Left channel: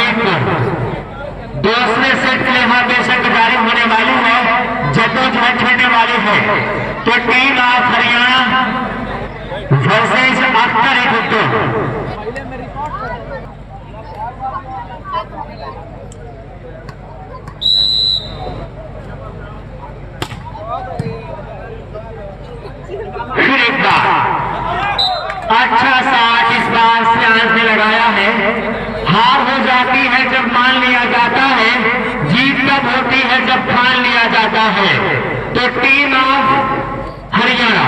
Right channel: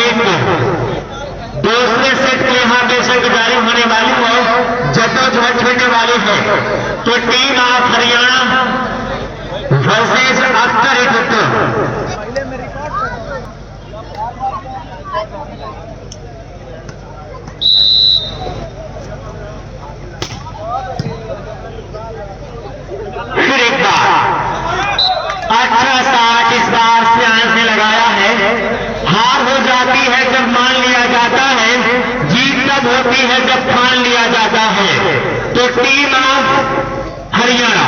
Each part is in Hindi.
हमीरपुर। दूसरे सेट के यहाँ बेशक जारी होने वाली है, जद्दोजहद होने वाली है। तो team of Haryana versus Akhtar Guttu. फिर एक बार अच्छा साथ इस बार सियान से लगाया है। हार हो जाती है जब मान लिया जाता है, जीत कब होती है जब ठान लिया जाता है। तो team of Haryana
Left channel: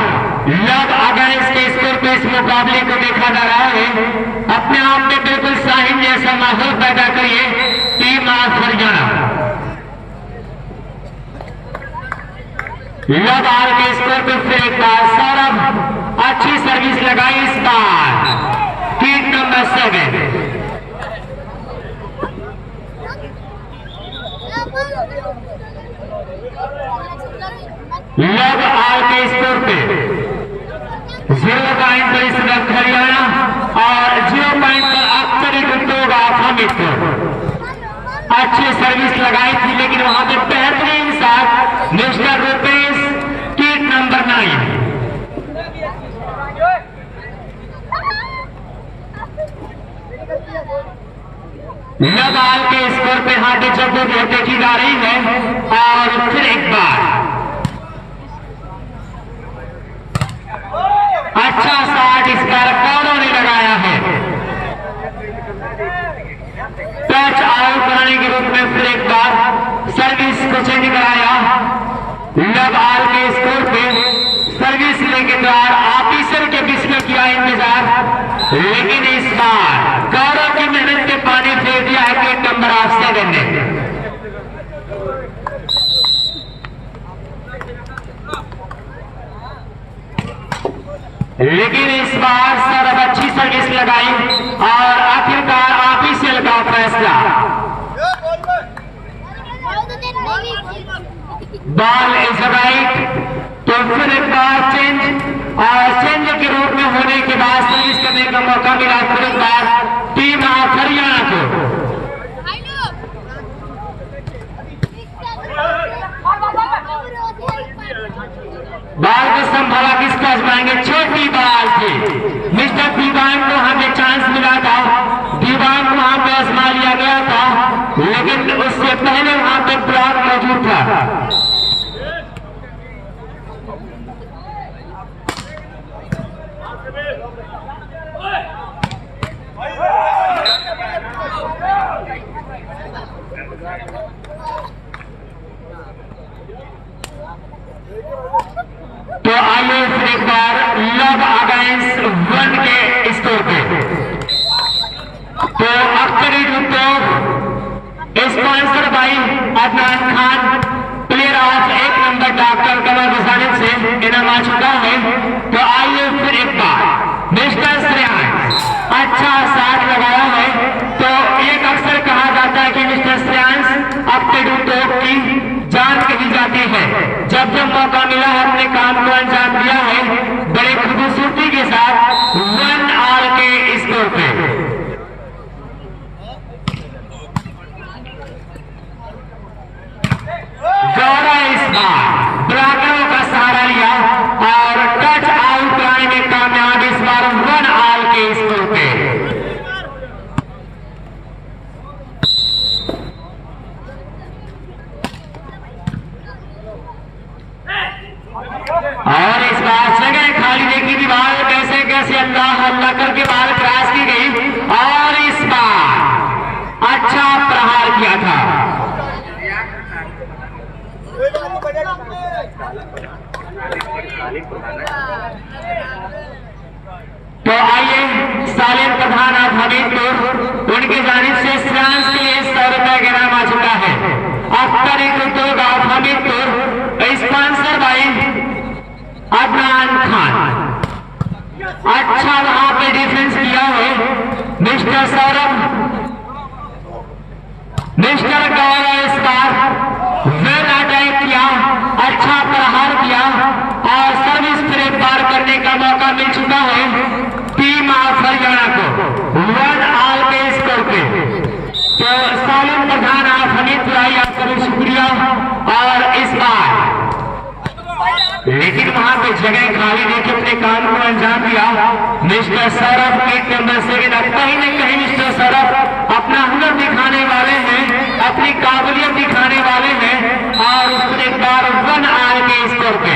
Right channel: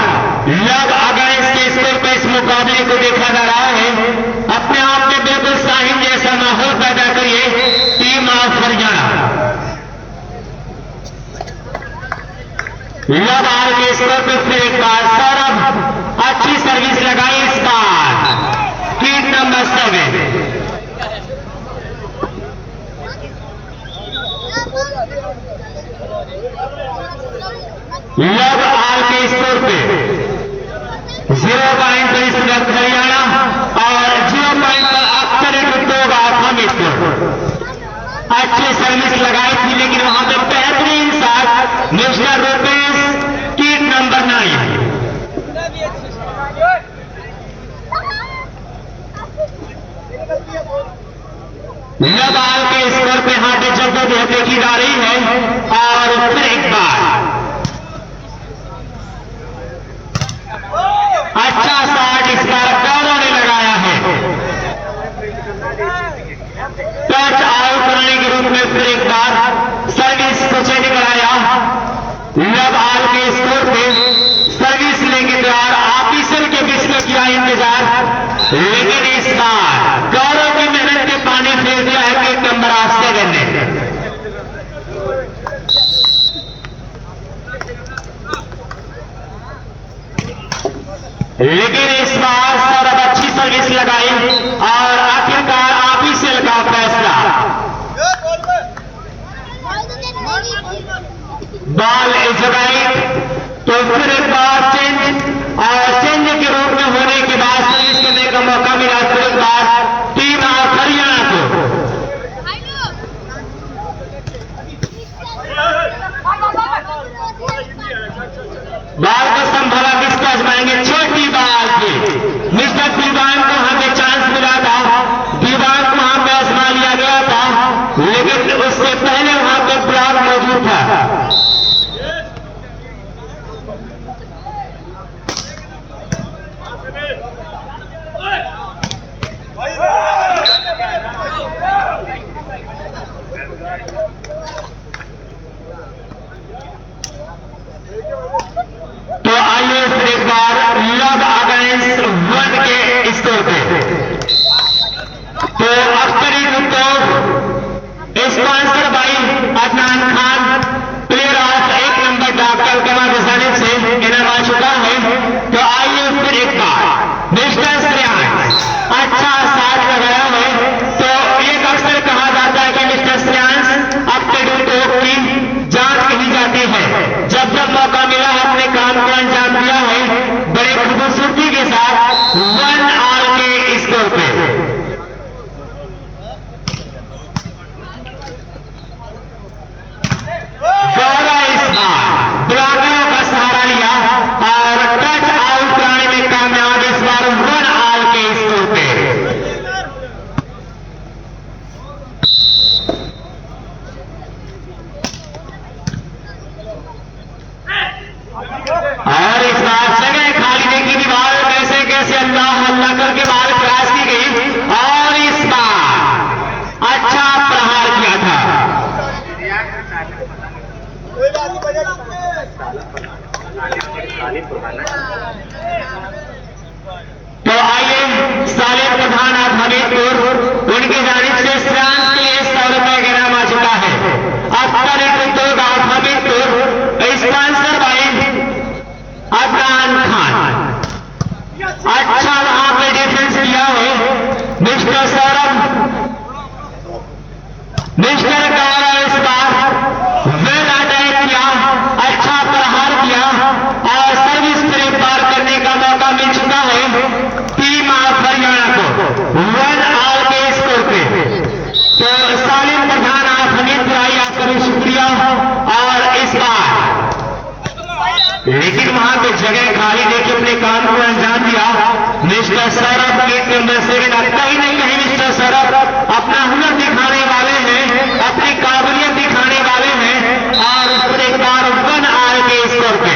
love against के स्कोर पे इस मुकाबले को देखा जा रहा है। अपने आप में बिल्कुल साहिब जैसा माहौल पैदा करिए टीम ऑफ हरियाणा। लव आर के स्कोर पे फिर एक बार सौरभ अच्छी सर्विस लगाई इस बार टीम नंबर 7। लव आर के स्कोर पे 0 पॉइंट पर इस वक्त हरियाणा और 0 पॉइंट पर अख्तर गुट्टू ऑफ हमीरपुर। अच्छी सर्विस लगाई थी लेकिन वहां पे बेहतरीन साथ मिस्टर रुपेश टीम नंबर 9। लबाल के स्कोर पे हाथ जगह देखी जा रही है। और फिर एक बार अच्छा साथ इस बार कौरों ने लगाया है। टच आउट बनाने के रूप में फिर एक बार सर्विस को चेंज कराया। लबाल के स्कोर पे सर्विस लेके तैयार ऑफिसर के बीच में किया इंतजार, लेकिन इस बार गौरव की मेहनत के पानी फेर दिया है कि नंबर 7 ने। लेकिन इस बार सौरभ अच्छी सर्विस लगाई और आखिरकार ऑफिशियल का फैसला। Ball is right. तो फिर एक बार चेंज और चेंज के रूप में होने के बाद सर्विस करने का मौका मिला फिर एक बार टीम ऑफ हरियाणा को। बाल को संभाला किसका आजमाएंगे, छोटी बाल थी। मिस्टर दीवान को हमें चांस मिला था, दीवान को वहां पे आजमा लिया गया था, लेकिन उससे पहले वहां पे ब्लॉक मौजूद था। तो आइए फिर एक बार लव अगेंस्ट 1 के स्कोर पे। तो Akhtari Guttu sponsor by Adnan Khan, player of 1 number doctor Qamar बसाने से इनाम आ चुका है। तो आइए फिर एक बार मिस्टर श्रेयांश अच्छा साथ लगाया है। तो एक अक्सर कहा जाता है कि मिस्टर श्रेयांश अख्तरी गुट्टू की जान कही जाती है। जब जब मौका मिला है अपने काम को अंजाम दिया है बड़े खूबसूरती के साथ 1 ऑल के स्कोर पे। गौरव इस बार ब्लॉकरों का सहारा लिया और टच आउट कराने में कामयाब इस बार 1 ऑल के स्कोर पे। और इस बार जगह खाली देखी दीवार कैसे कैसे अल्लाह अल्लाह करके बाहर क्रॉस की गई और इस बार अच्छा प्रहार किया था। तो आइए सालिम प्रधान हमीरपुर उनकी जानिब से श्रेयांश के लिए 100 रुपए का इनाम आ चुका है। Akhtar Guttu of Hamirpur sponsor by Adnan Khan. अच्छा वहां पे डिफेंस किया है मिस्टर सौरभ। मिस्टर गौरव इस बार वेल अटैक किया, अच्छा प्रहार किया और सर्विस फिर पार करने का मौका मिल चुका है टीम ऑफ हरियाणा को 1 ऑल के स्कोर पे। तो लेकिन वहां पे जगह खाली देखिए अपने काम को अंजाम दिया। मिस्टर सौरभ गेट नंबर 7 अब कहीं नहीं कहीं मिस्टर सौरभ अपना हुनर दिखाने वाले हैं, अपनी काबिलियत दिखाने वाले हैं और उसने एक बार 1 आर के स्कोर पे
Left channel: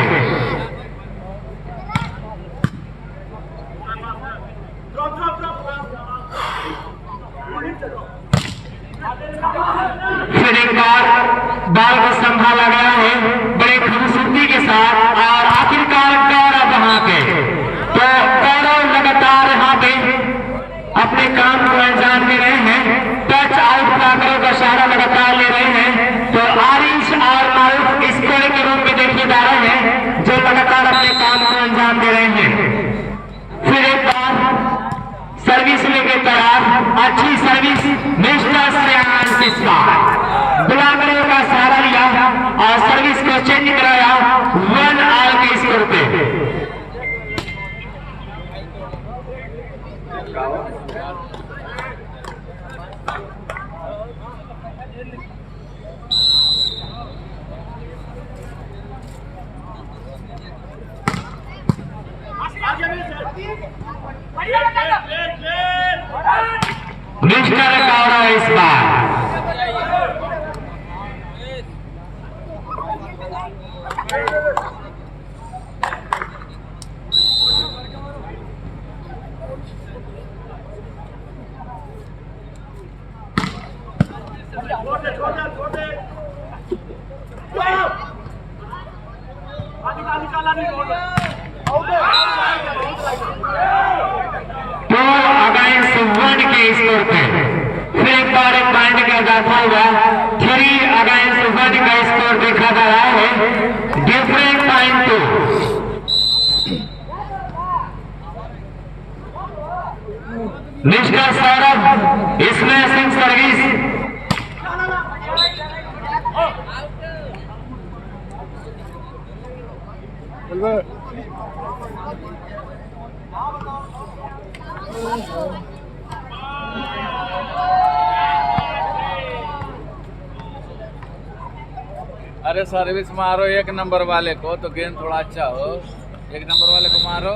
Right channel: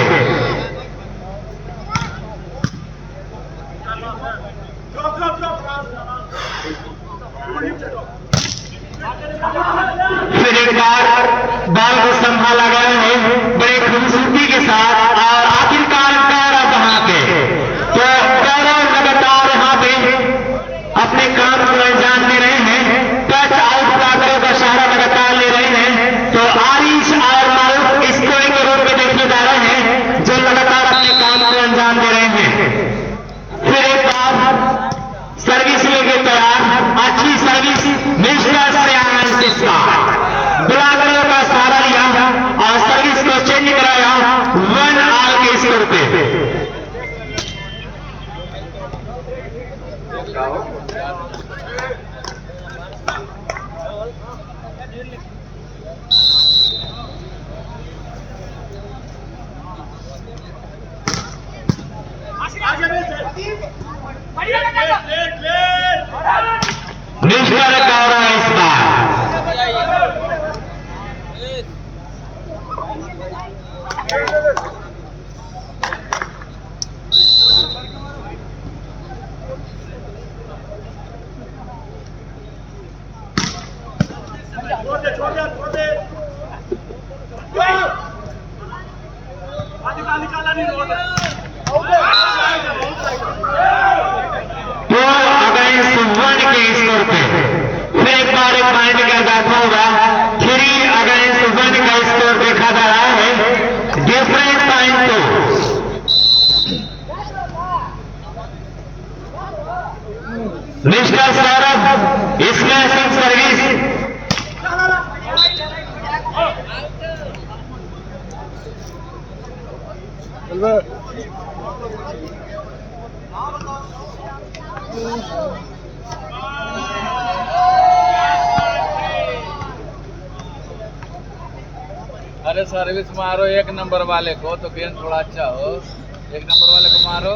फिर एक बार बॉल को संभाला गया है बड़े खूबसूरती के साथ और आखिरकार गौरव वहां पे तो गौरव लगातार यहाँ पे अपने काम को अंजाम दे रहे हैं। टच आउट का इशारा लगातार ले रहे हैं तो आरिश और मारूफ स्कोर के रूप में देखे जा रहे हैं जो लगातार अपने काम को अंजाम दे रहे हैं। फिर एक बार सर्विस लेके तैयार, अच्छी सर्विस मिस्टर श्रेयांश इसका बुलाकरों का सहारा लिया और सर्विस को चेंज कराया 1 आर के स्कोर पे। मिस्टर गौरव इस बार निकाला नहीं तो अगेंस्ट 1 के स्कोर पे फिर एक बार एक पॉइंट का इजाफा होगा। 3 अगेंस्ट 1 का स्कोर देखा जा रहा है। Different point two mister Saurabh smashing service अरे सर्विस मारो 1 नंबर वाले को तो गेंद थोड़ा अच्छा हो। 1 नंबर वाले को मारो।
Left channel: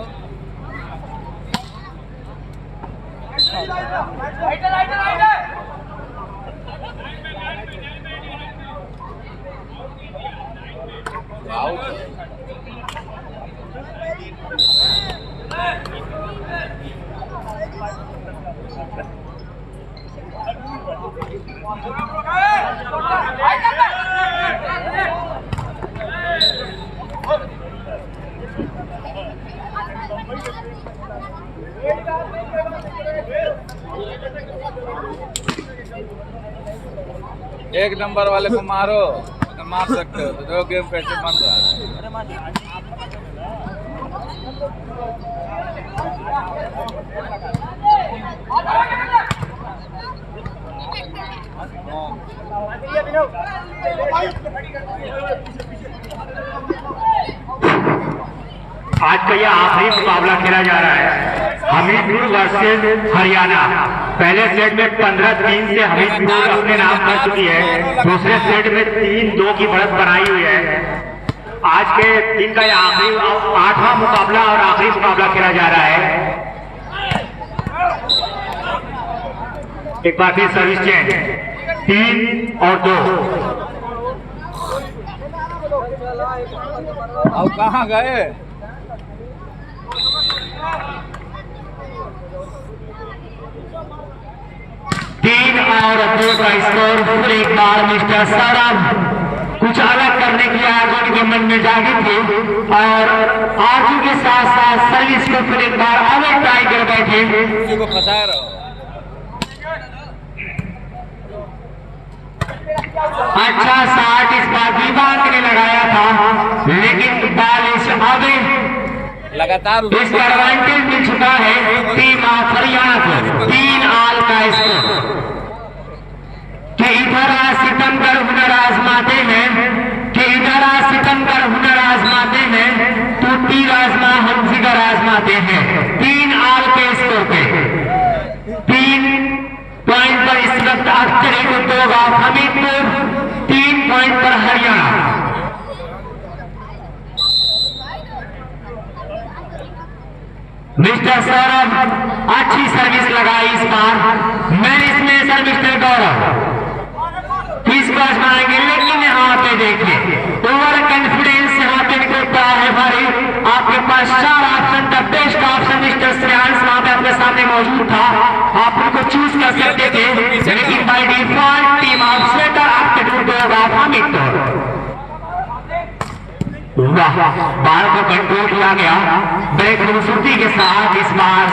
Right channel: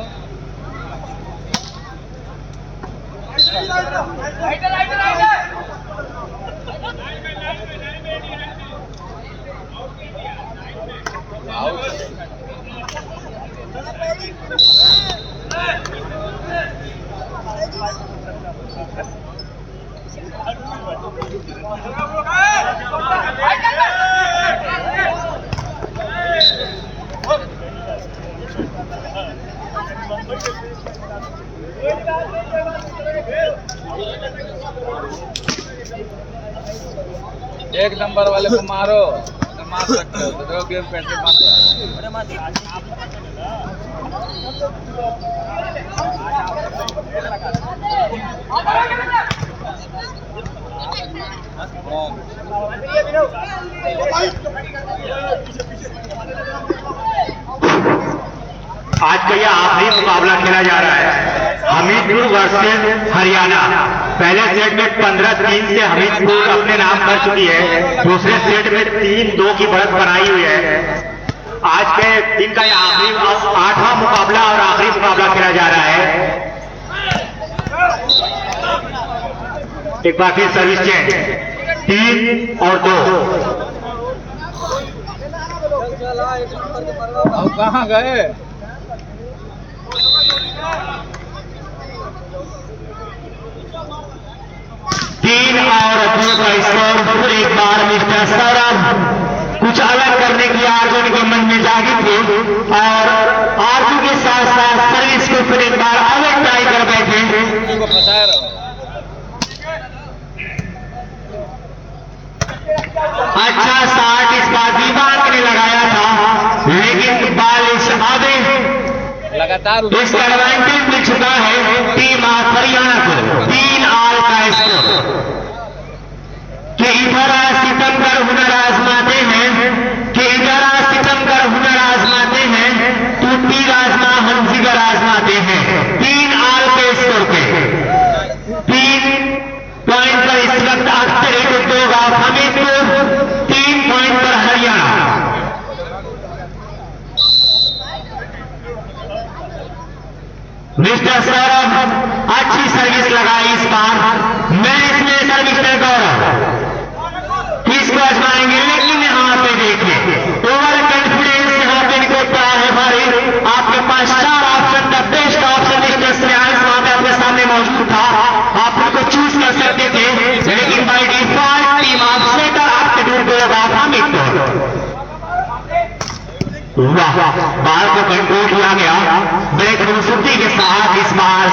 एक नंबर वाले को मारो, अगर मार सकते हो तो गेम कैसे बन रहा है। आज का यह आखिरी मुकाबला खेला जा रहा है हमीरपुर वर्सेस हरियाणा। पहले सेट में 15-3 से हमीरपुर अपने नाम कर चुकी है। दूसरे सेट में 3-2 की बढ़त बनाई हुई है। आज के दिन का यह आखिरी 8वां मुकाबला और आखिरी मुकाबला खेला जा रहा है। एक बार फिर सर्विस चेंज 3 और 2। अब कहाँ गए? तीन और 2 का स्कोर। फिर एक बार मिस्टर सौरभ कुछ अलग करने की आरजू के मन में जागी थी और आरजू के साथ साथ सर्विस को फिर एक बार अलग ट्राई कर बैठे। फंसाए रहो। अच्छा शॉट इस बार दीवार ने लगाया था लेकिन बाल इस आधे लगातार इस एडवांटेज मिल चुका है टीम ऑफ हरियाणा को। 3 आल का स्कोर कि इधर सितमगढ़ हुनर आजमाते हैं कि इधर सितमगढ़ हुनर आजमाते हैं तो तीर आजमा हम जिगर आजमाते हैं। 3 आल के स्कोर पे 3 पॉइंट पर इस वक्त अक्षरित उद्योग ऑफ हमीरपुर, 3 पॉइंट पर हरियाणा। मिस्टर सौरभ अच्छी सर्विस लगाई इस बार। मैच में सर मिस्टर गौरव किसको आजमाएंगे, लेकिन यहाँ पे देखिए ओवर कॉन्फिडेंस यहाँ पे होता है भाई। आपके पास 4 ऑप्शन का बेस्ट ऑप्शन मिस्टर श्रेयांश वहां पे आपके सामने मौजूद था, आप उनको चूज कर सकते थे, लेकिन by default team of setter आपके ढूंढ होगा अमित। वाह, बाल को कंट्रोल किया गया ब्रेक खूबसूरती के साथ। इस बार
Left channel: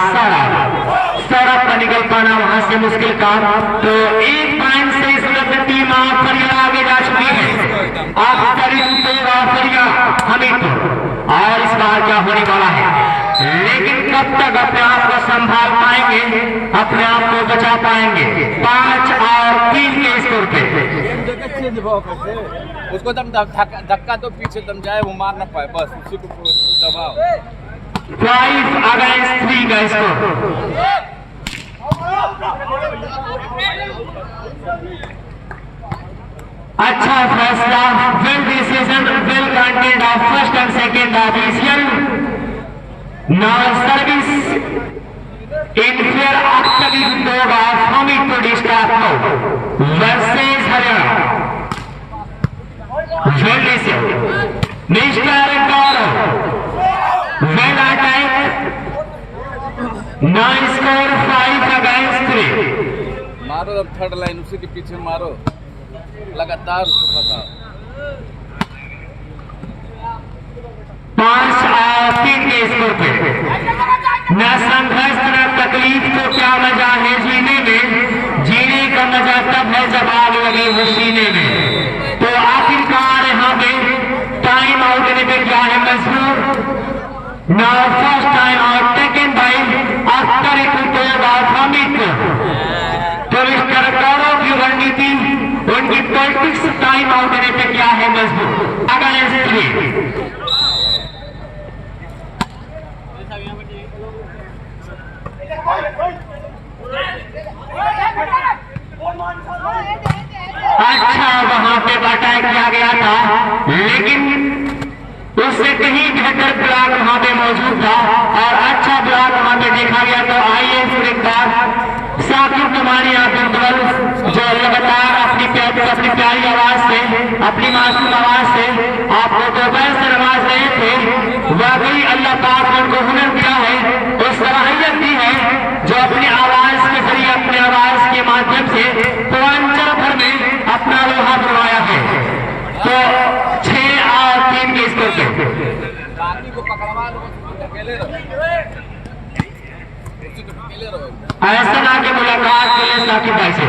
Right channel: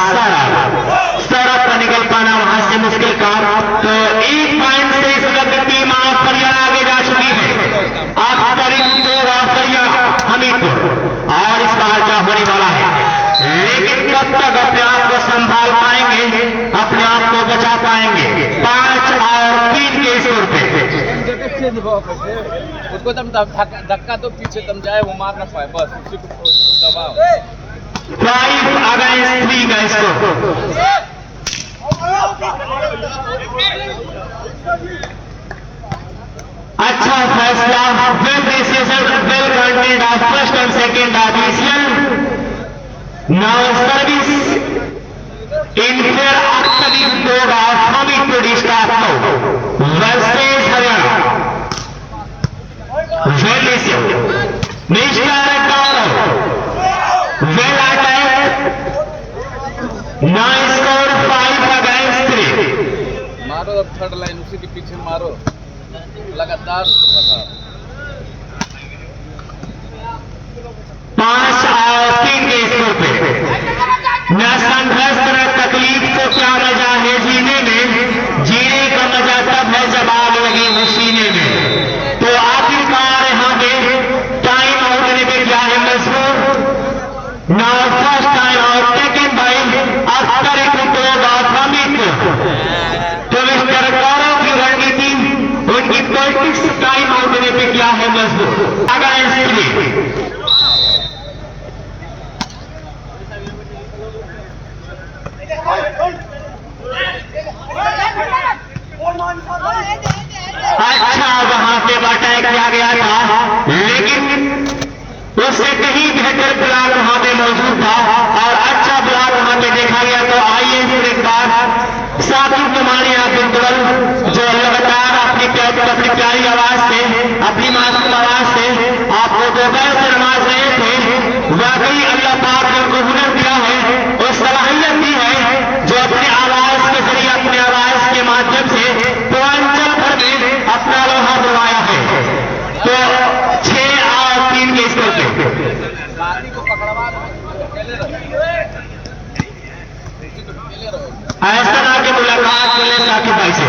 सड़क पर निकल पाना वहां से मुश्किल काम। तो 1 पॉइंट से इस वक्त टीम ऑफ फरिया आगे जा चुकी है। अब करीब 2 फरिया हमीरपुर, और इस बार क्या होने वाला है, लेकिन कब तक अपने आप को संभाल पाएंगे, अपने आप को बचा पाएंगे। 5 और 3 के स्कोर पे उसको तुम धक्का तो पीछे तुम जाए वो मार ना पाए, बस उसी को दबाओ। 5 अगेंस्ट 3 का स्कोर। अच्छा फैसला, well decision, well content of first and second official. Now service in fair Akhtari 2 of Hamirpur staff versus Haryana. Mister Gaurav well attack, now score 5 against 3। मारो अब थर्ड लाइन उसी के पीछे मारो लगातार। 5 और 3 के स्कोर पे न संघर्ष न तकलीफ तो क्या मजा है जीने में, जीने का मजा तब है जब आग लगी हो सीने में। तो आखिरकार यहाँ पे टाइम आउट लेने पे क्या है मजबूर। Now first time out taken by after it two of Amit. तो मिस्टर गौरव की रणनीति, उनकी पॉलिटिक्स टाइम आउट लेने पे क्या है मजबूर। अगेंस्ट 3 अच्छा वहां पे अटैक किया गया था, लेकिन उससे कहीं बेहतर ब्लॉक वहां पे मौजूद था, और अच्छा ब्लॉक वहां पे देखा गया। तो आइए एक बार साकिब तुम्हारी आप बिल्कुल जो लगातार अपनी प्यारी आवाज से, अपनी मासूम आवाज से आपको दोपहर से नमाज रहे थे। वाकई अल्लाह पाक ने उनको हुनर दिया है और सलाहियत दी है जो अपनी आवाज के जरिए, अपनी आवाज के माध्यम से पूर्वांचल भर में अपना लोहा बनवाया है। तो 6 और 3 के स्कोर पे ऐसा ना कि मुलाकात के लिए साकिब भाई से।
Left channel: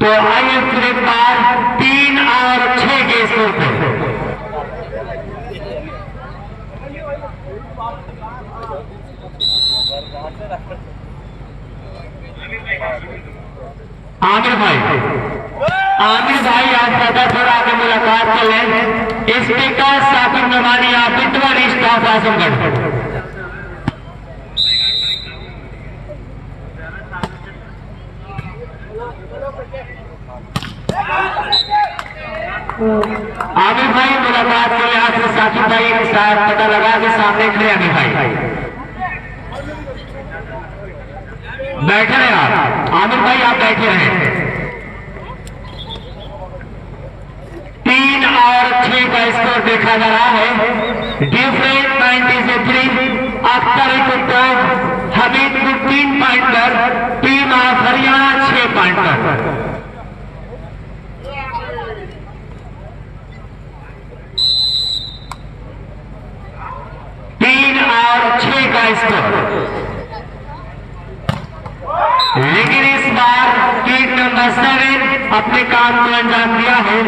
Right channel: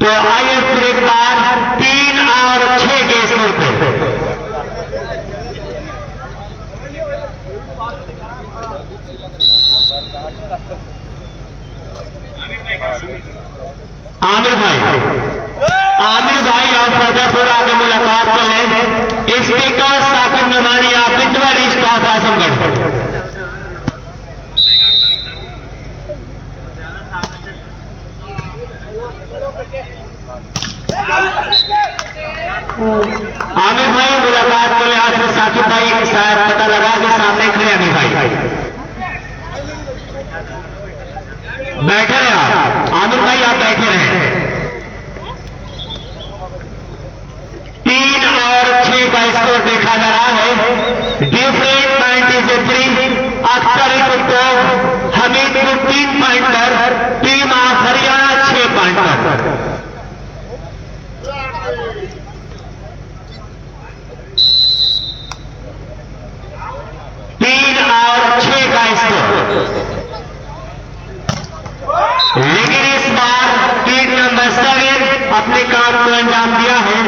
तो आइए फिर एक बार 3 और 6 के स्कोर पे आमिर भाई आप प्रतापपुर आगे मुलाकात कर लें। स्पीकर साकिब नमानी आप पिटवारी स्टाफ आजमगढ़। आमिर भाई मुलाकात के लिए आपसे साकिब भाई शायद पता लगा के सामने खड़े। आमिर भाई बैठे रहे, आप आमिर भाई आप बैठे रहे। 3 और 6 का स्कोर देखा जा रहा है। डिफरेंट 93 आफ्टर इट तो हमीरपुर 3 पॉइंट पर, टीम ऑफ हरियाणा 6 पॉइंट पर। लेकिन इस बार टीम नंबर 7 अपने काम को अंजाम दिया है।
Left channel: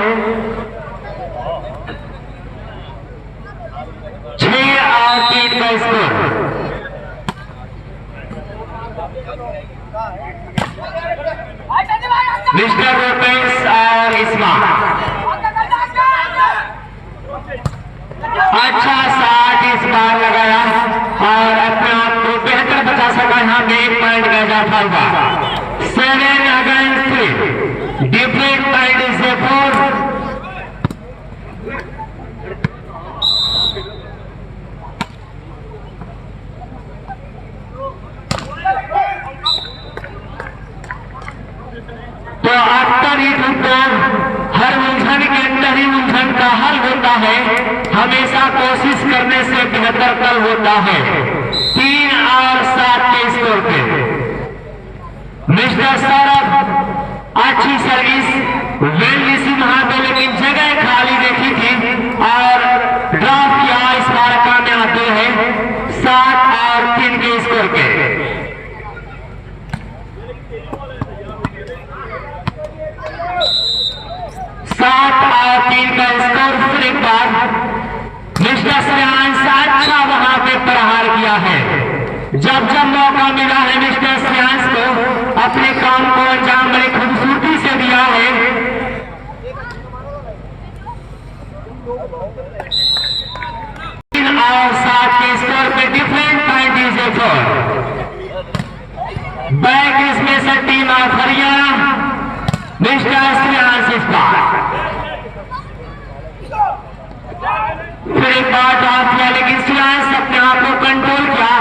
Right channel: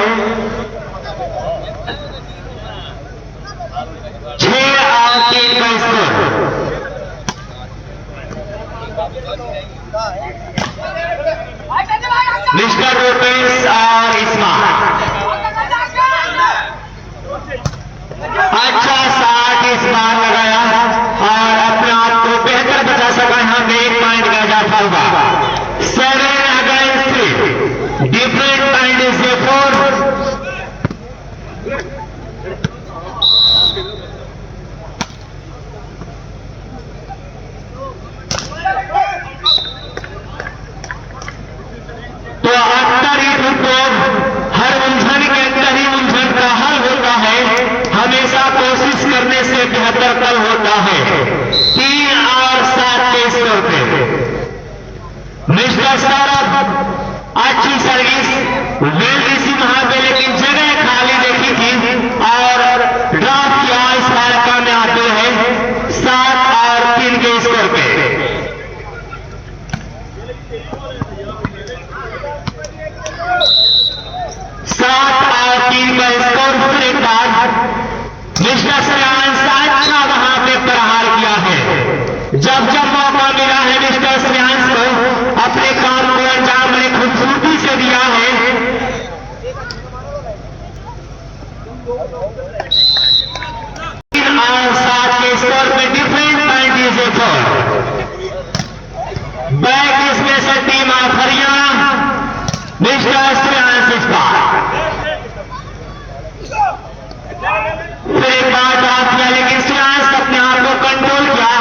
6 और 3 का स्कोर। मिस्टर रूपेश और इस्मा अच्छा साथ इस बार लगाया और अपने आप को बेहतर बचा सका। यहाँ पे 1 पॉइंट का इजाफा होगा। 7 अगेंस्ट 3 करने से बेहतर कल होता है। 3 और 7 के स्कोर पे मिस्टर सौरभ अच्छी सर्विस वेल रिसीव वहां पे, लेकिन जगह खाली देखी थी और ड्रॉप किया। इस बार कामयाब आते हैं 7 और 3 के स्कोर पे। 7 और 3 का स्कोर। फिर एक बार मिस्टर श्रेयांश अच्छा वहां पे प्रहार किया है। जब जब मौका मिला है मिस्टर श्रेयांश को अपने काम को अंजाम बड़ी खूबसूरती से दिया है। 3 और 7 के स्कोर पे डिफरेंट पॉइंट इज बैक इसमें से team of Haryana mister Shreyansh इस बार फिर एक बार ड्रॉप किया, लेकिन श्रेयांश अपने आप को कंट्रोल किया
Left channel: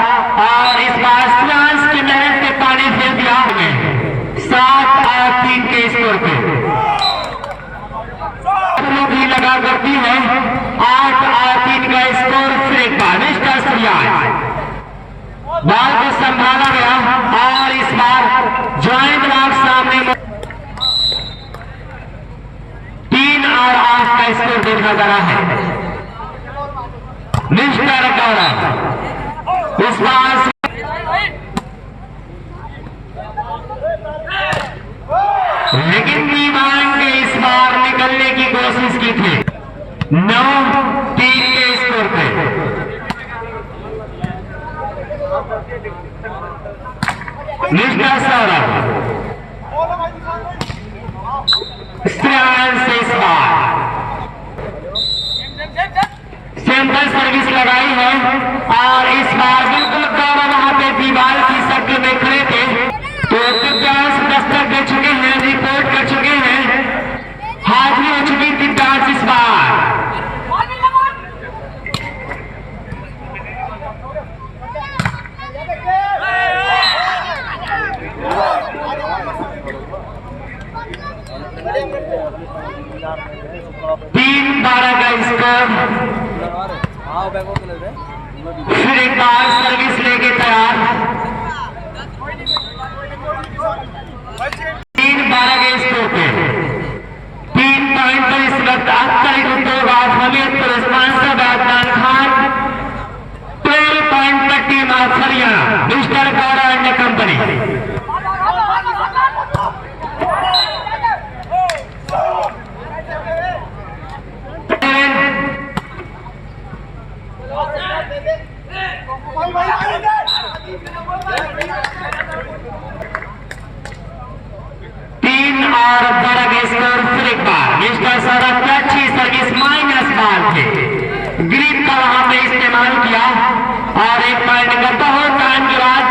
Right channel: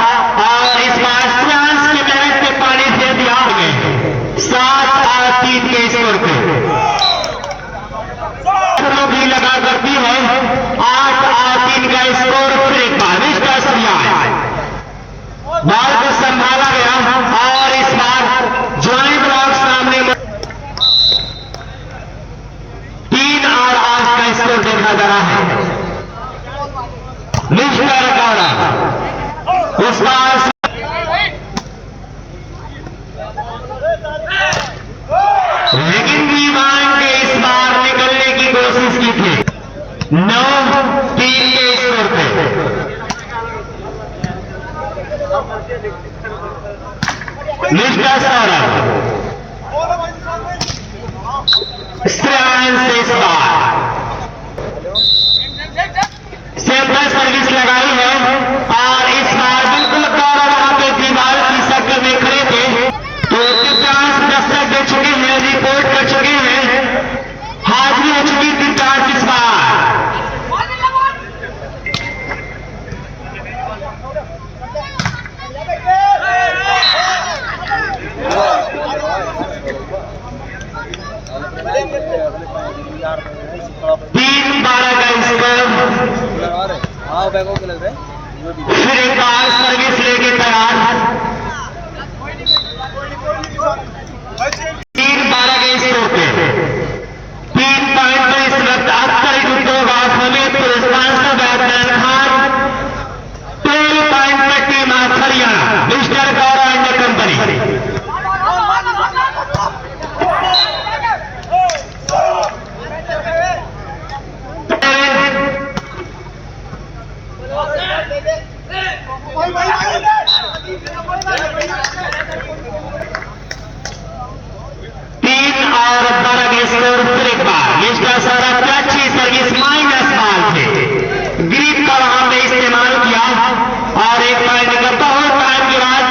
और इस बार श्रेयांश के मेहनत पे पानी फेर दिया। 7 और 3 के स्कोर पे भी लगा करती है। 8 और 3 का स्कोर। फिर एक बार मिस्टर श्रेयांश बॉल को संभाला गया और इस बार ज्वाइंट ब्लॉक सामने 3 और 8 का स्कोर देखा जा रहा है। मिस्टर गौरव इस बार लेकिन दीवान के इस बार निकलने की कोशिश की थी। 9-3 के स्कोर पे मिस्टर सौरभ श्रेयांश इस बार सेंटर सर्विस लगाई है और इस बार बिल्कुल गौरव वहां पे दीवार की शक्ल में खड़े थे तो दिव्यांश दस्तक दे चुके हैं, रिपोर्ट कर चुके हैं, हाजिरी हो चुकी दिव्यांश इस बार। तीन 12 का स्कोर। फिर एक बार सर्विस लेके तैयार। 3-12 के स्कोर पे 3 पॉइंट पर इस वक्त Akhtar Udyog of Hamirpur sponsor batsman Khan. 12 point पर team of Haryana mister Gaurav and company. तीन और 12 के स्कोर। फिर एक बार मिस्टर सौरभ की अच्छी सर्विस माइनस बॉल थे, ग्रिप का वहां पे इस्तेमाल किया और एक पॉइंट का बहुत टाइम के बाद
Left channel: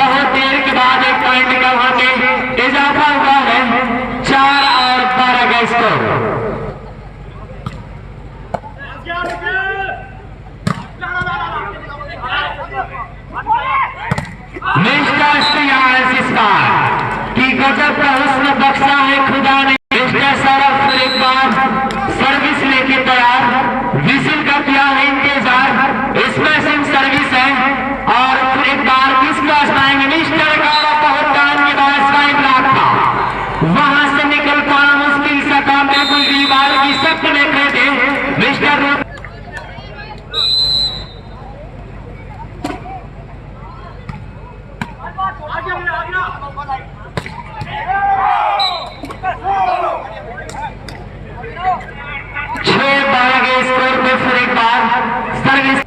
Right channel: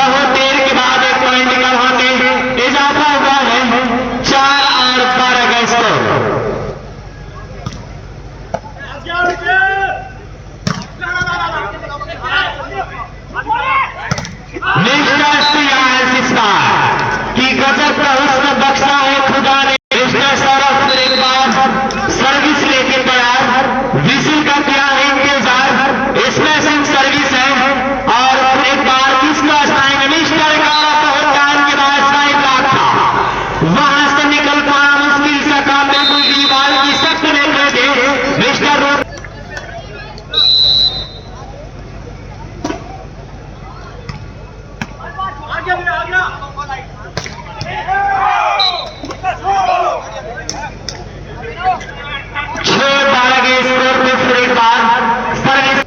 बहुत देर के बाद एक पॉइंट का वहां पे इजाफा हुआ है। 4 और 12 का स्कोर। मिस्टर श्रेयांश इस बार की गजब का हुस्न बख्शा है खुदा ने। मिस्टर सौरभ फिर एक बार सर्विस लेके तैयार, विसिल का किया है इंतजार, स्मैशिंग सर्विस है और फिर एक बार किसका टाइम मिस्टर गौरव बहुत टाइम के बाद साइड ब्लॉक था, वहां से निकल पाना मुश्किल से था, बिल्कुल दीवार की शक्ल में कर दे मिस्टर छह 12 के स्कोर पे। फिर एक बार सर्विस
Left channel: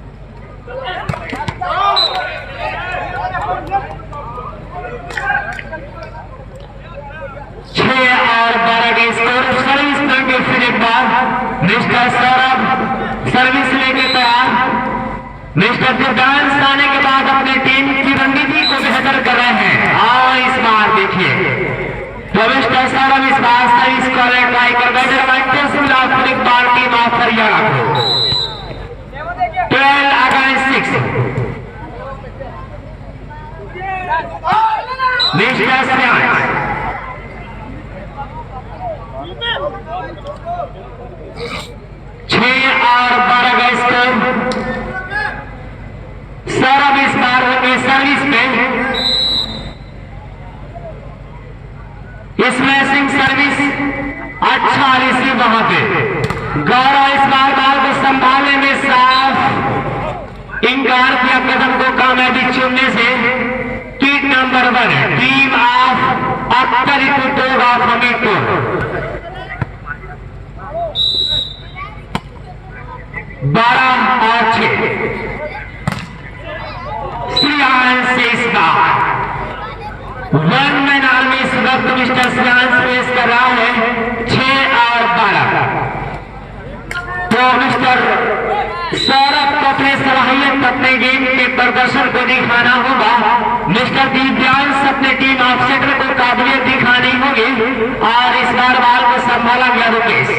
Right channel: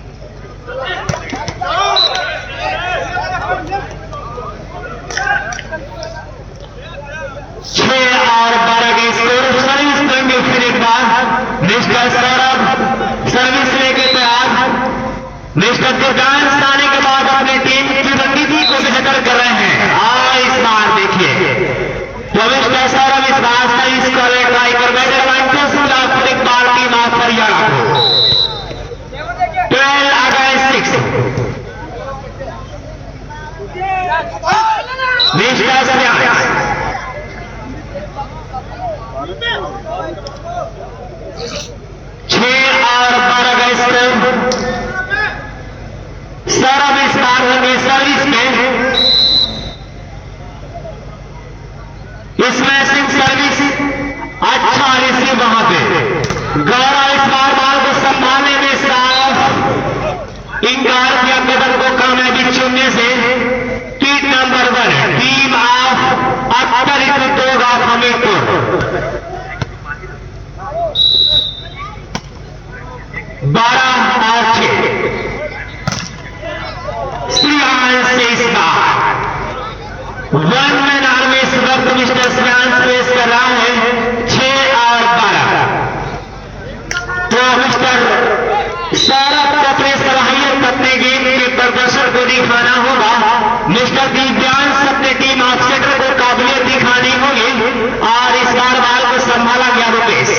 6 और 12 के स्कोर। सर्विस करेंगे फिर एक बार मिस्टर सौरभ सर्विस लेके तैयार। मिस्टर दिव्यांश आने के बाद अपने टीम की रणनीति को बेहतर कर रहे हैं और इस बार देखिए तो मिस्टर सौरभ इस बार सर्विस करे ट्राई कर बैठे एक बार टीम ऑफ हरियाणा को 12 अगेंस्ट 6 मिस्टर श्रेयांश। 6 और 12 का स्कोर। तैयार होंगे सर्विस में। स्मैशिंग सर्विस अच्छा रिसीव वहां पे। गौरव इस बार बाल को संभालने में साफ इंकार किया कदम को कामयाबी चुनने से। Team number 1 team of Akhtar Qutub of Hamirpur 12-6 Shreyansh से इस बार 1 मैन आर्मी इस वक्त मिस्टर श्रेयांश पेश कर रहा है 6 और 12। तो मिस्टर सौरभ को अपने सलाहियत अपने गेम के प्रदर्शन को दिखाना होगा। मिस्टर दिव्यांश अपने टीम ऑफसेटर को काबिलियत दिखानी होगी। और इस बार बाल को संभाला गया रुपेश।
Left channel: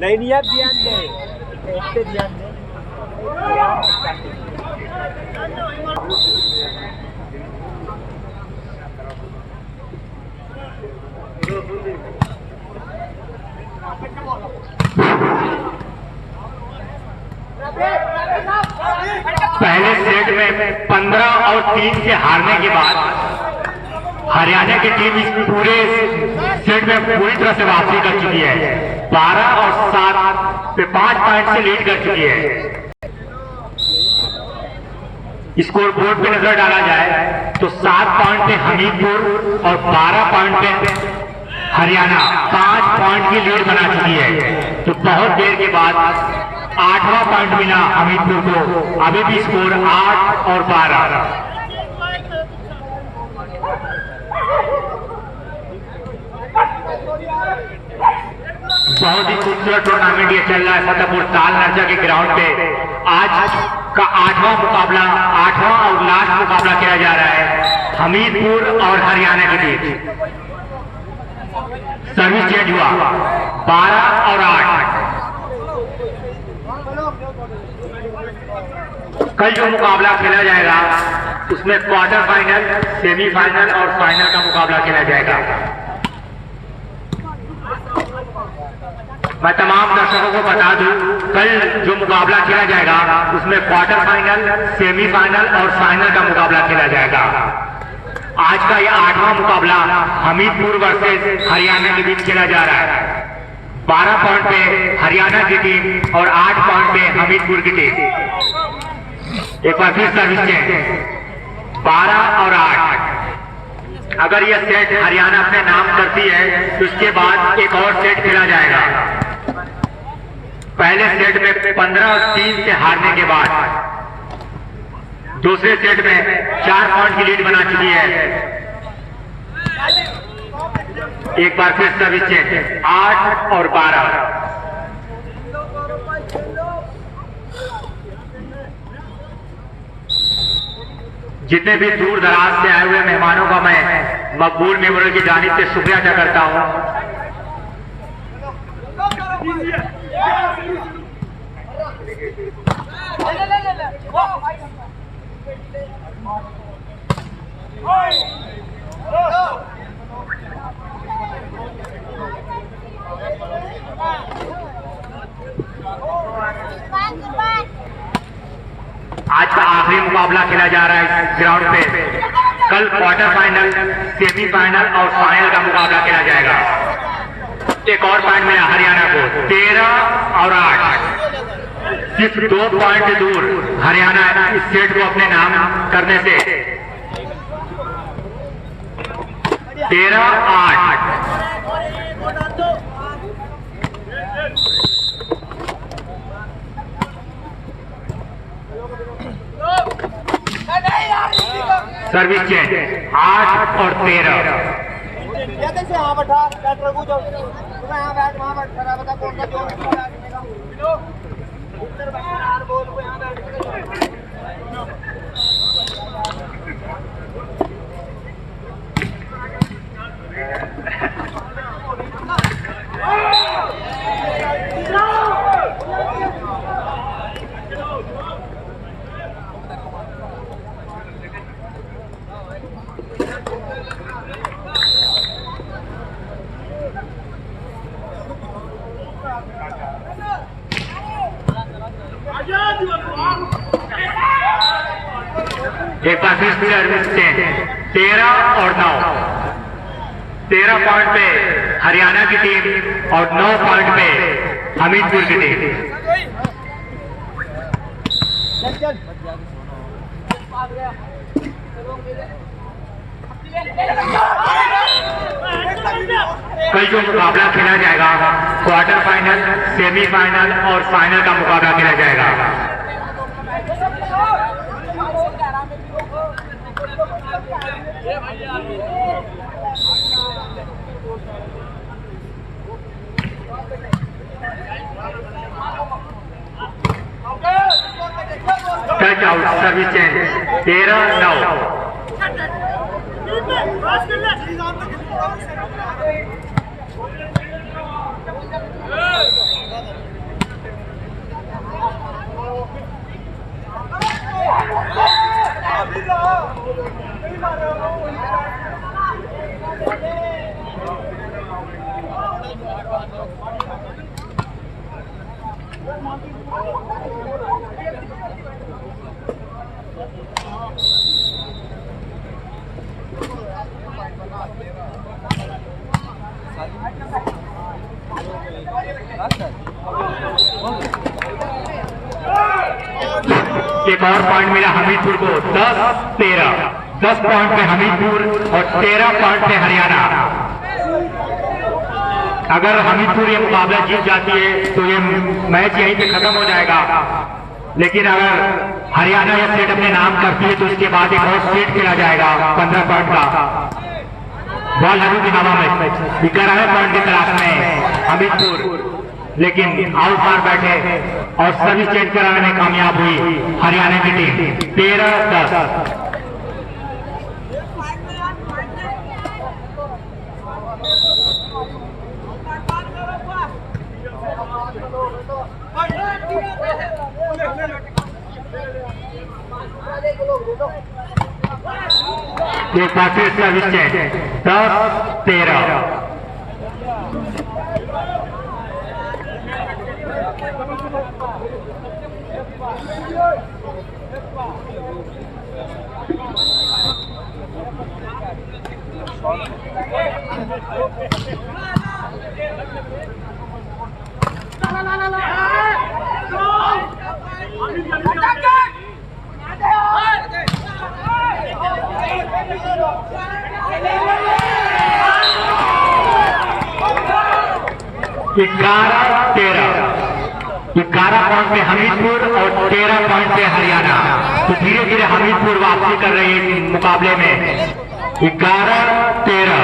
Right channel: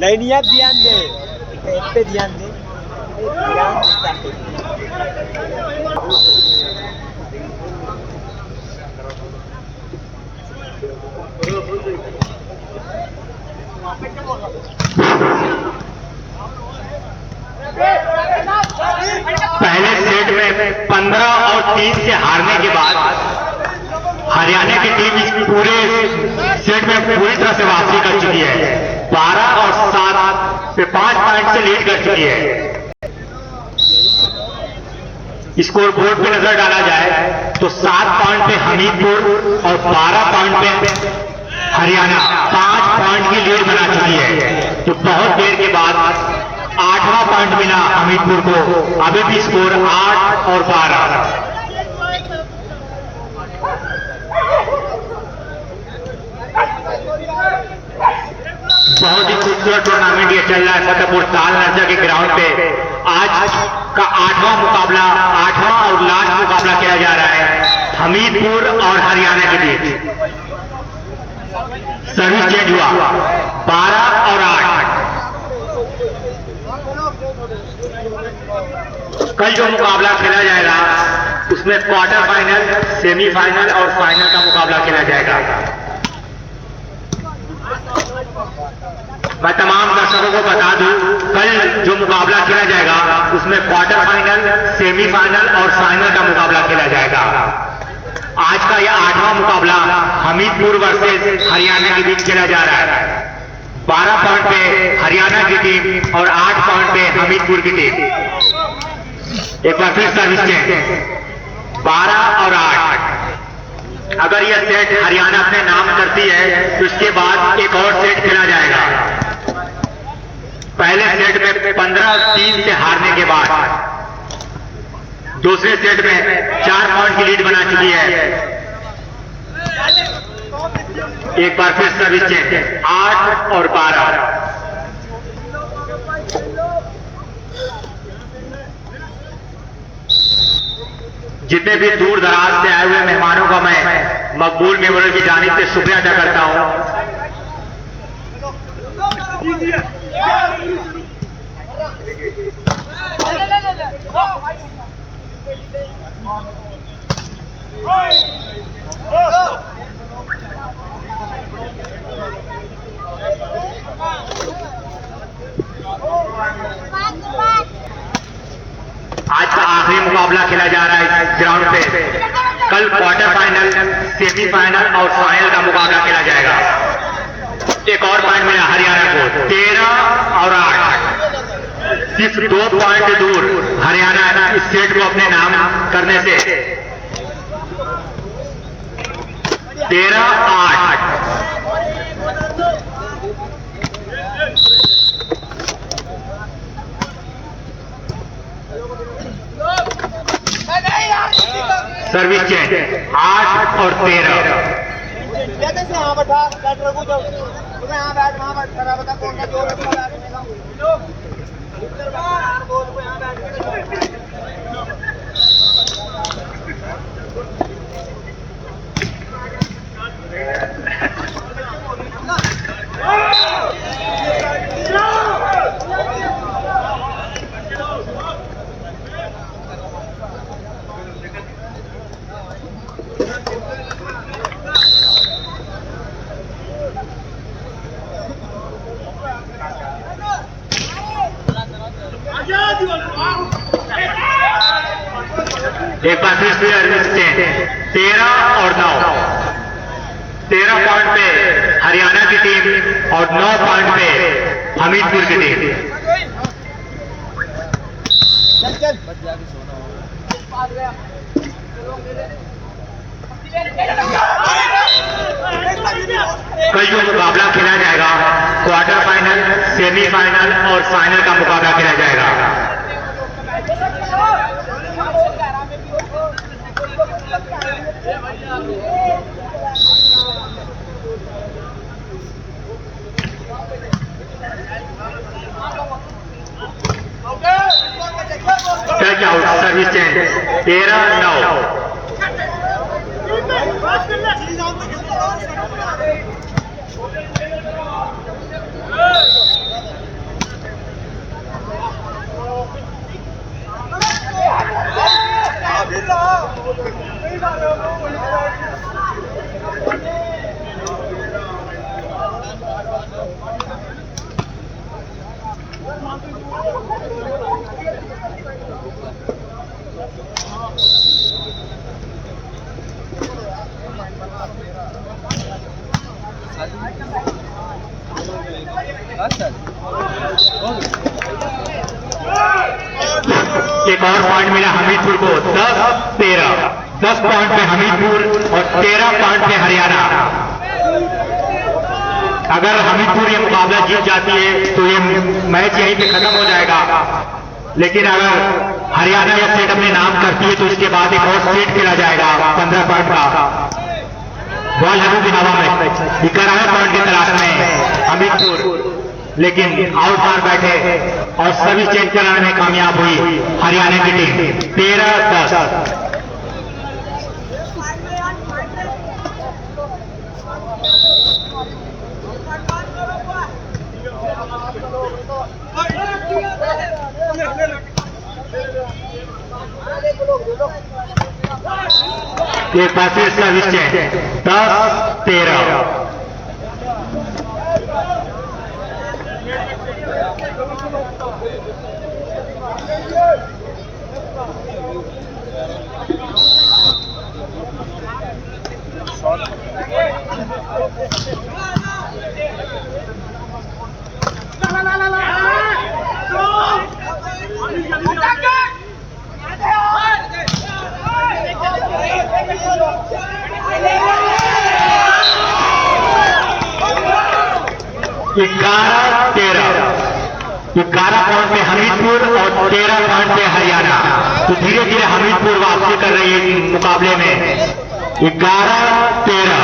नहीं आप ध्यान दे, एक पे ध्यान दे। पहले सेट में 15 और 3 से हारने के बाद हरियाणा की टीम इस पूरे सेट में पूरी तरह से वापसी कर चुकी है। 12 और 7 पे 5 पॉइंट से लीड कर चुकी है। स्कोर बोर्ड पे नजर डाला जाए तो 7 पॉइंट पे हमीरपुर और 12 पॉइंट पे हरियाणा 5 पॉइंट की लीड बना चुकी है। तो बहुत देर के बाद 8वां पॉइंट मिला हमीरपुर को। अभी भी स्कोर 8 और 12। बहुत ही खूबसूरत टूर्नामेंट ये चल रहा है सतपुर ताल नर्जा के ग्राउंड पे। आज का 8वां मुकाबला, 8वां और लास्ट मुकाबला किया जा रहा है हमीरपुर और हरियाणा के बीच। सर्विस चेंज हुआ 12 और 8। कल जो मुकाबला खेला जाएगा उसमें क्वार्टर फाइनल, सेमीफाइनल और फाइनल का मुकाबला खेला जाएगा। मैं तमाम दर्शकों को बता दूं, कल जो मुकाबला खेला जाएगा उसमें क्वार्टर फाइनल, सेमीफाइनल और फाइनल का मुकाबला खेला जाएगा। आज का यह 8वां मुकाबला हमीरपुर वर्सेस हरियाणा के बीच खेला जा रहा है। 12 पॉइंट पे हरियाणा की टीम और 8 पॉइंट पे हमीरपुर की टीम। एक बार फिर सर्विस चेंज 12 और 8। अगर यह सेट हरियाणा अपने नाम करती है तो इसके बाद एक और सेट खेला जाएगा। पहले सेट में 15 और 3 से हारने के बाद दूसरे सेट में 4 पॉइंट की लीड बना चुकी है। एक बार फिर सर्विस चेंज 8 और 12। जितने भी दूर दराज से आए हुए मेहमानों का मैं मकबूल मेमोरियल की जानिब से शुक्रिया अदा करता हूं। आज का आखिरी मुकाबला खेला जा रहा है इस ग्राउंड पे। कल क्वार्टर फाइनल, सेमीफाइनल और फाइनल का मुकाबला खेला जाएगा। एक और पॉइंट मिला हरियाणा को 13 और 8। सिर्फ 2 पॉइंट दूर हरियाणा इस सेट को अपने नाम करने से। 13-8। सर्विस चेंज 8 और 13। हाँ बैठा बैठ रघु जो तुम्हें यहाँ बैठ वहाँ बैठ खड़ा बता कौन सा जोर रखा बैठने का इधर बैठना यार बोल को यहाँ बैठ के एक बार फिर से 13 और 9, 13 पॉइंट पे हरियाणा की टीम और 9 पॉइंट पे हमीरपुर की टीम। चल चल पास गया कल जो मुकाबला खेला जाएगा क्वार्टर फाइनल, सेमीफाइनल और फाइनल का मुकाबला खेला जाएगा। Touch out service change 13-9। एक और पॉइंट मिला हमीरपुर को 10-13। 10 पॉइंट पे हमीरपुर और 13 पॉइंट पे हरियाणा। अगर हमीरपुर ये मुकाबला जीत जाती है तो ये मैच यहीं पे खत्म हो जाएगा, लेकिन अगर हरियाणा या स्टेट अपने नाम करती है तो इसके बाद एक और सेट खेला जाएगा 15 पॉइंट का। बॉल हबू की हवा में 11वें पॉइंट की तलाश में हमीरपुर, लेकिन आउट मार बैठे और सर्विस चेंज कराने में कामयाब हुई हरियाणा की टीम 13-10। एक बार फिर सर्विस चेंज 10-13। ग्यारह पॉइंट पे हमीरपुर और 13 पॉइंट पे हरियाणा। तो धीरे धीरे हमीरपुर वापसी कर रही है इस मुकाबले में 11-13।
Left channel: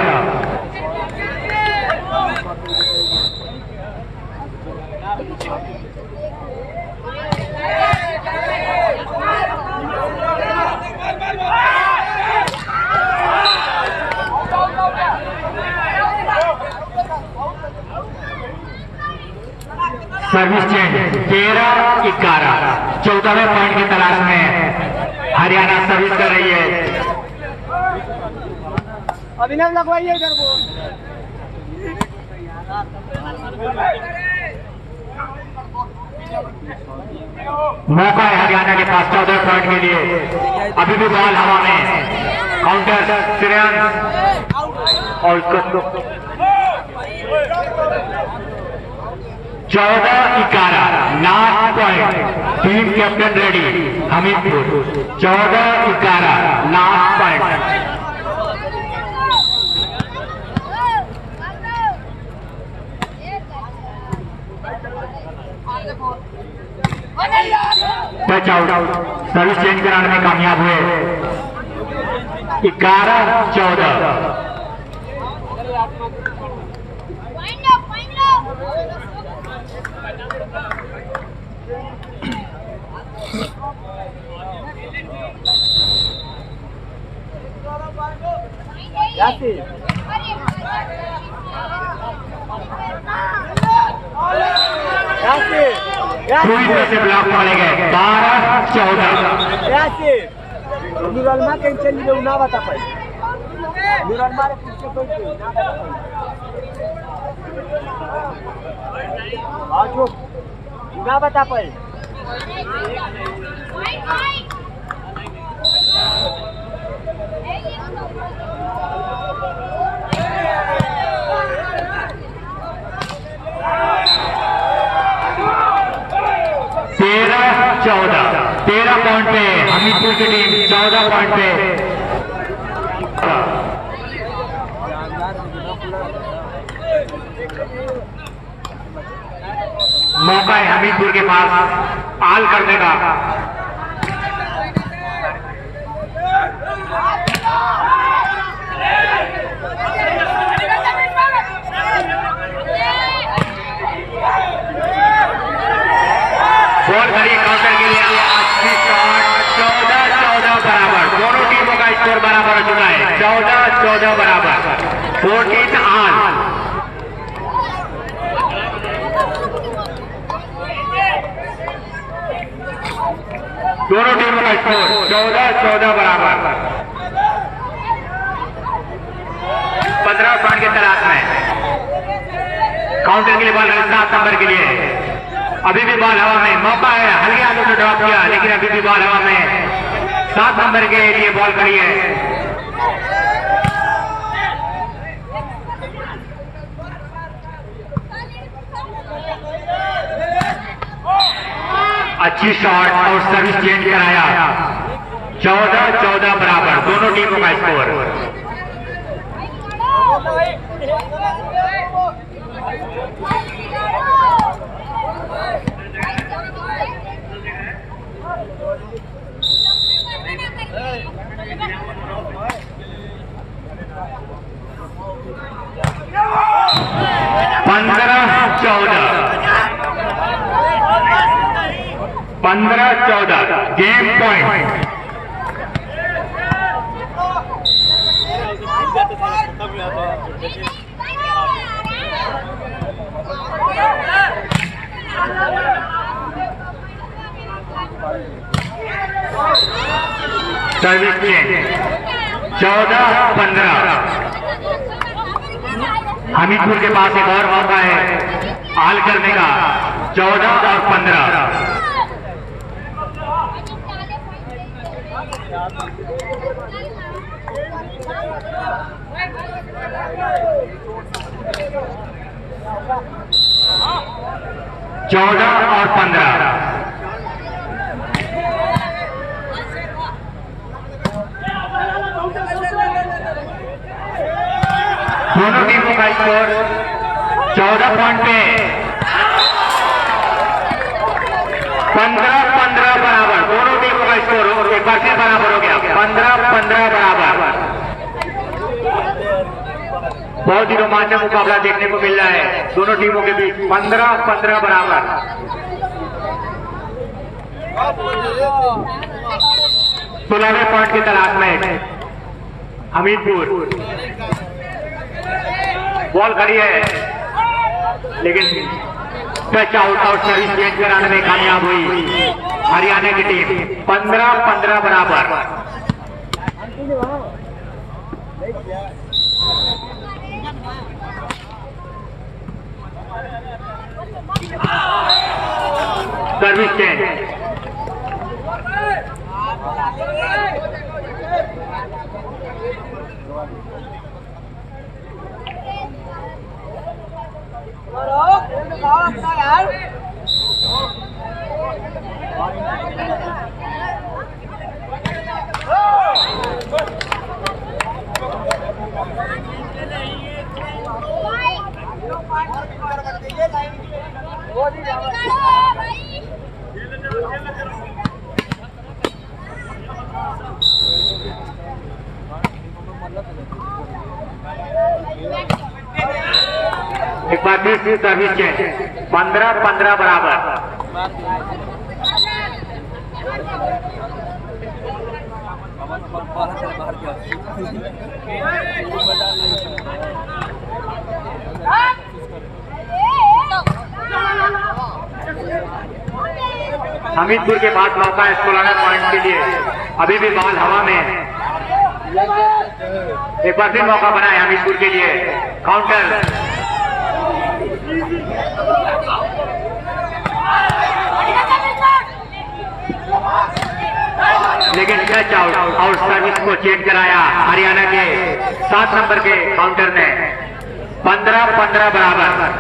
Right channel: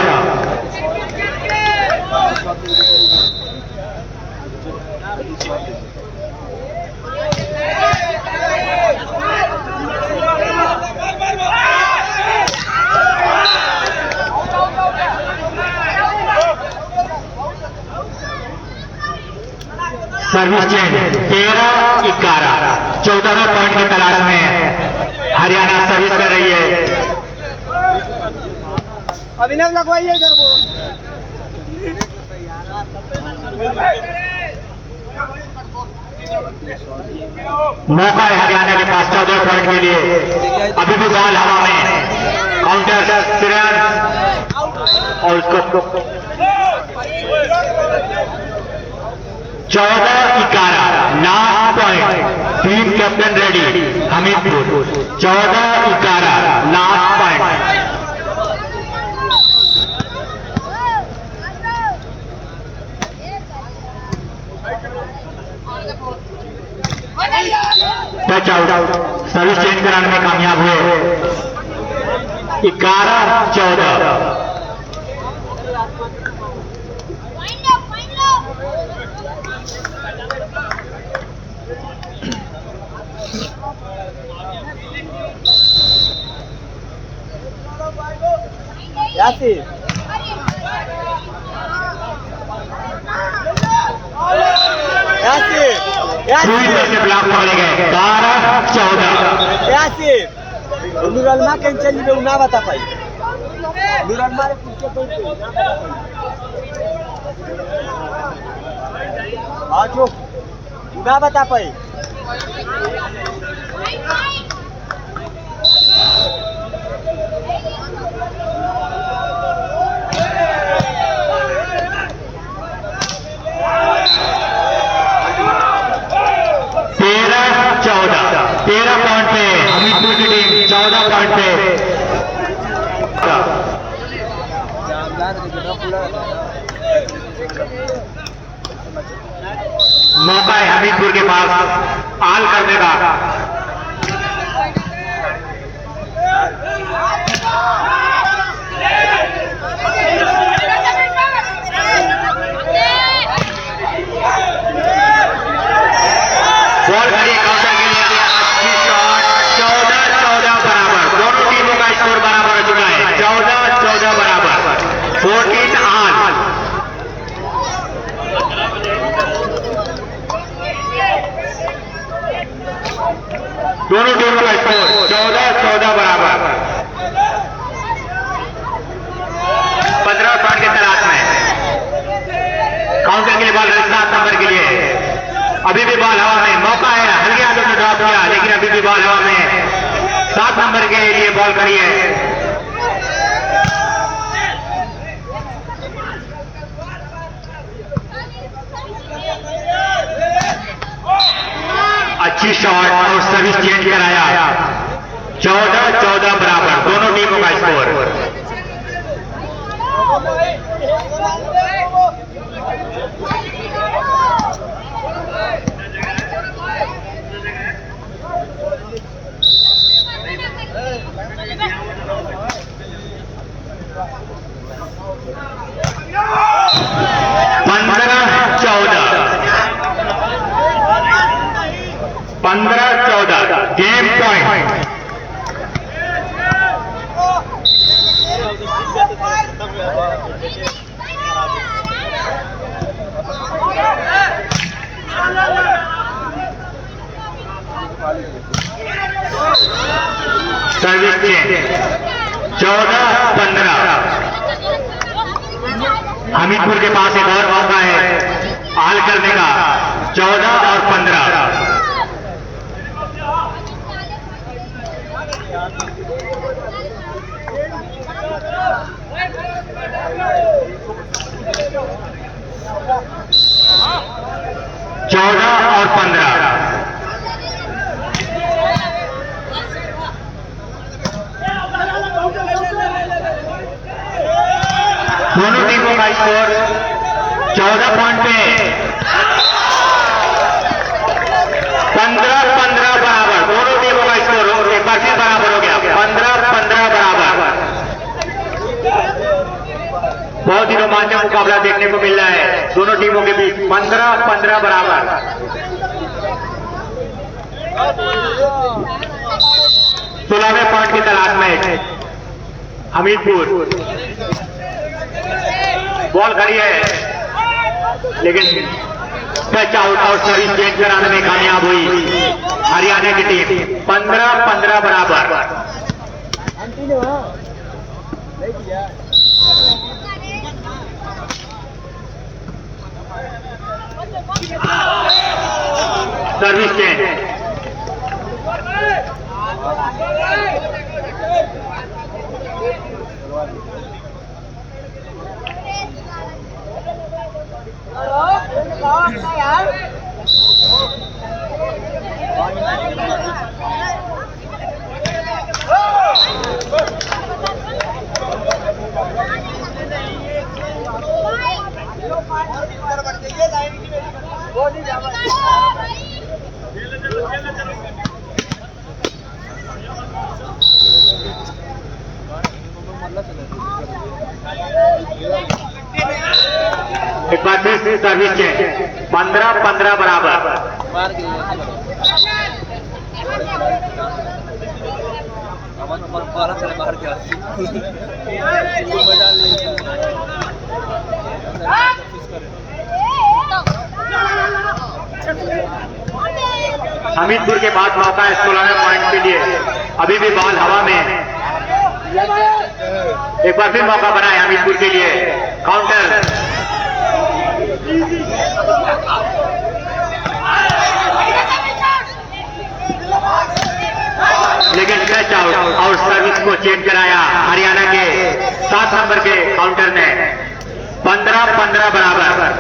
Service change 13-11। 14वें पॉइंट की तलाश में हरियाणा सर्विस कर रही है। अभिनव लगवाइए इधर वो मौका है हरियाणा के पास 14 पॉइंट के लिए। अभी भी बॉल हवा में, काउंटर श्रेयस और उसको 14-11 last point. Team captain ready Hamirpur 14-11 last point. Touch out service change कराने में कामयाब हुए 11-14। पूरी तरह से ब्लॉक मारे गए 12-14। नुरलमा कैंचल में ना बता पाई। नुरलमा रे पूछ के तो ना बता पाई। आज ना बता पाई। तेरह पॉइंट पे हमीरपुर की टीम, 14 पॉइंट पे मौका है हमीरपुर के पास आल करने का। बॉल खड़ी काउंटर के लिए 14-14 बराबर, दोनों टीमों का स्कोर बराबर हो चुका है, 14-14 बराबर, 14 ऑल। दोनों टीमों का स्कोर 14-14 बराबर, 15 पॉइंट के तलाश में। काउंटर के लिए बॉल 7 नंबर के लिए, अभी भी बॉल हवा में, मौका है, हल्के हाथों में ड्रॉप किया लेकिन अभी भी बॉल हवा में, 7 नंबर के लिए बॉल खड़ी है। अच्छी शॉट और सर्विस चेंज कराया, 14-14 बराबर, दोनों टीमों का स्कोर। पंद्रह 14 game point. Service change, 14-15। Hamirpur के पास एक और मौका है हाल करने का, 14 और 15। चौदह और 15। दोनों टीमों का स्कोर 14 पॉइंट पे, 15-15 बराबर, दोनों टीमों का स्कोर एक बार फिर बराबर हो गया, 15-15 बराबर। बहुत ही रोमांचक मुकाबला देखने को मिल रहा है दोनों टीमों के बीच, 15-15 बराबर। 16वें पॉइंट की तलाश में हमीरपुर, बॉल खड़ी है लेकिन पैच आउट और सर्विस चेंज कराने में कामयाब हुई हरियाणा की टीम, 15-15 बराबर। सर्विस चेंज, और भीतर बढ़ जाइए, लाइन की मेरी वो नहीं जावा। एक बार फिर सर्विस चेंज, 15-15 बराबर। हमीरपुर के बाद मौका है 16वें पॉइंट के लिए, अभी भी बॉल हवा में, एक बार फिर मौका बना है हमीरपुर के लिए, काउंटर। को चेंज कराया हरियाणा के 7 नंबर के काउंटर में 15-15 बराबर।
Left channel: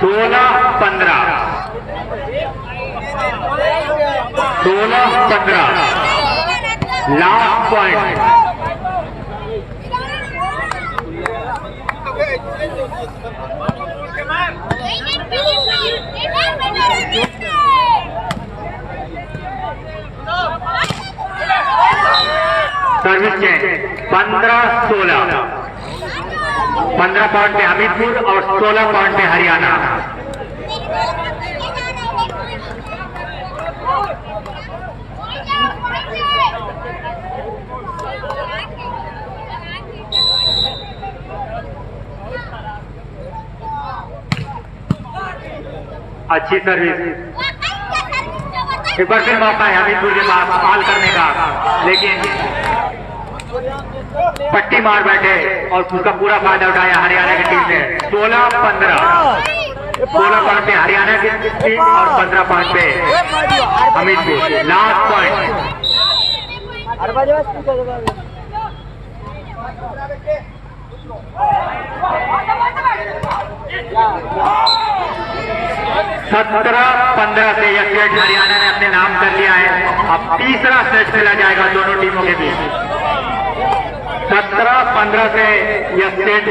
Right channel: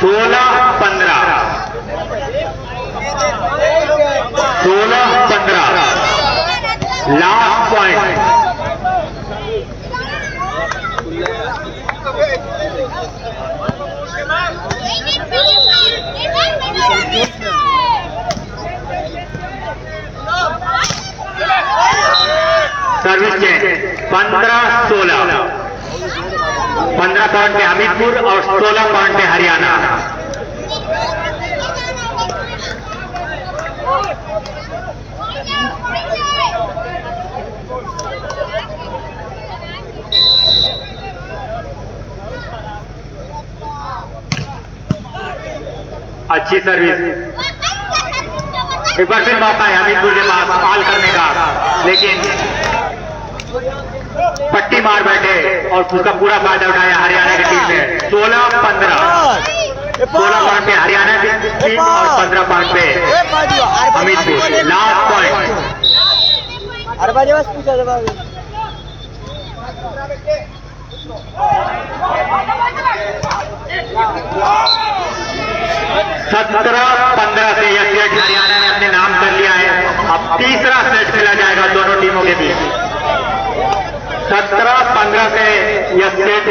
सोलह 15 last point. Service change 15-16, 15 point पे हमीरपुर और 16 पॉइंट पे हरियाणा। अच्छी सर्विस, एक बार फिर मौका है हमीरपुर के पास कॉल करने का, लेकिन पट्टी मार बैठे और उसका पूरा फायदा उठाया हरियाणा की टीम ने। 16-15, 16 पॉइंट पे हरियाणा की टीम और 15 पॉइंट पे हमीरपुर। Last point. सत्रह 15 से यह सेट हरियाणा ने अपने नाम कर लिया है। अब तीसरा सेट खेला जाएगा दोनों टीमों के बीच। 17-15 से यह सेट